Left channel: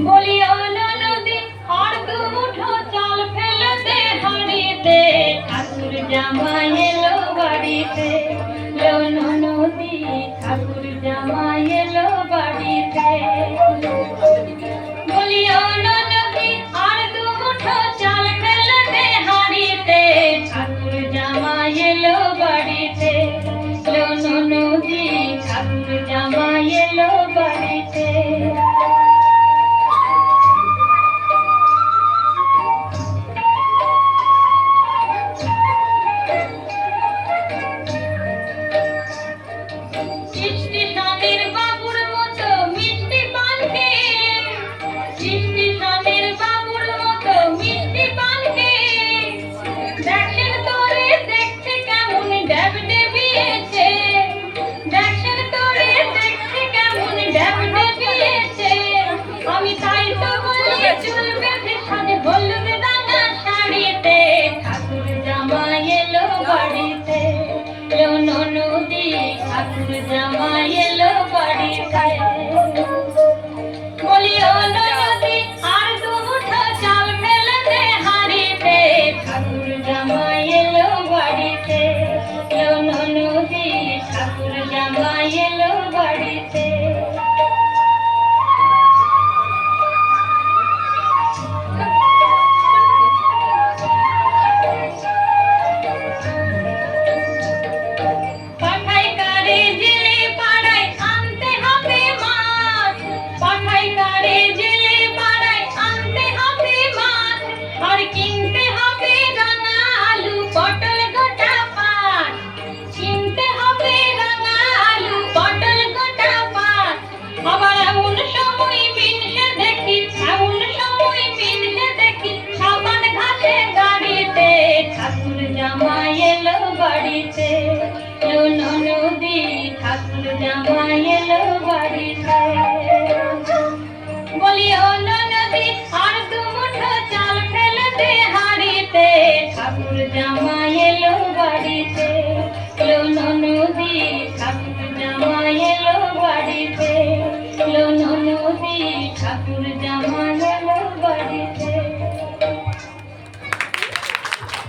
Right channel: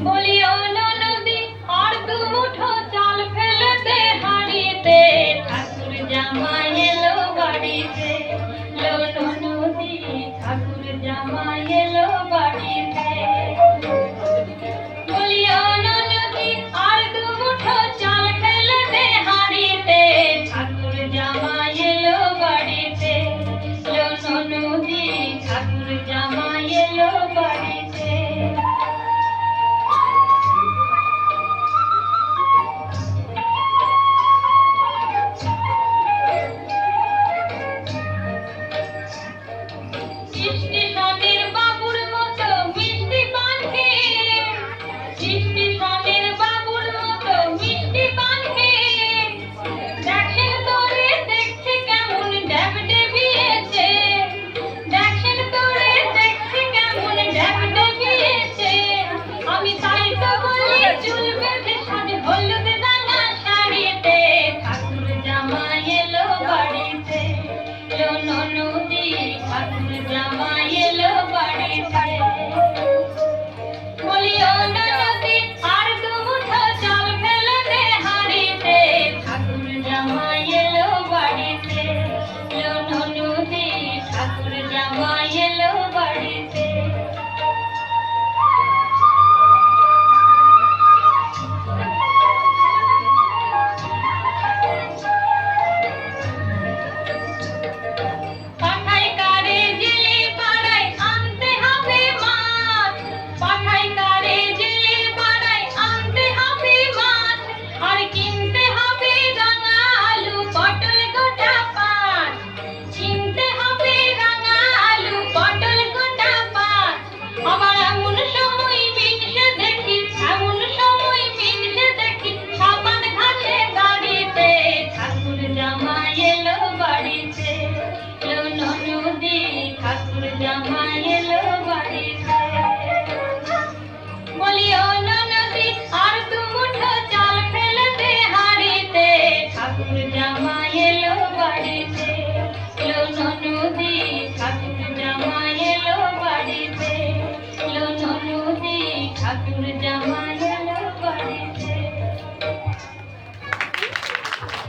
বলি ও নদী আর দু মুঠো চাল ফেলে দে হাড়িতে, ঠাকুর জামাই এলো বাড়িতে। ও নদী ঠাকুর জামাই এলো বাড়িতে। বলি ও নদী আর দু মুঠো চাল ফেলে দে হাড়িতে, ঠাকুর জামাই এলো বাড়িতে। ও নদী ঠাকুর জামাই এলো বাড়িতে। স্টেশনের বাবুর মতো মিষ্টি পান খেয়ে, স্টেশনের বাবুর মতো মিষ্টি পান খেয়ে, দেখেন তোরে দেখছে কেমন ড্যাব ডেবিয়েছে, দেখেন তোরে দেখছে কেমন ড্যাব ডেবিয়েছে। আমি তাই তো বলি চুল বেঁধে সাজে হলুদ রাঙা শাড়িতে, ঠাকুর জামাই এলো বাড়িতে। ও নদী ঠাকুর জামাই এলো বাড়িতে। বলি ও নদী আর দু মুঠো চাল ফেলে দে হাড়িতে, ঠাকুর জামাই এলো বাড়িতে। ও নদী ঠাকুর জামাই এলো বাড়িতে। পাঠাই কারে জেলে পাড়ায় আনতে হবে মাছ, পাঠাই কারে জেলে পাড়ায় আনতে হবে মাছ, আর কিনতে হবে রাঙা আলু পটল গোটা পাঁচ, কিনতে হবে রাঙা আলু পটল গোটা পাঁচ। আবার এমন সময় মিনসে দেখি, এমন সময় মিনসে দেখি সাবান ঘাটে গাড়িতে, ঠাকুর জামাই এলো বাড়িতে। ও নদী ঠাকুর জামাই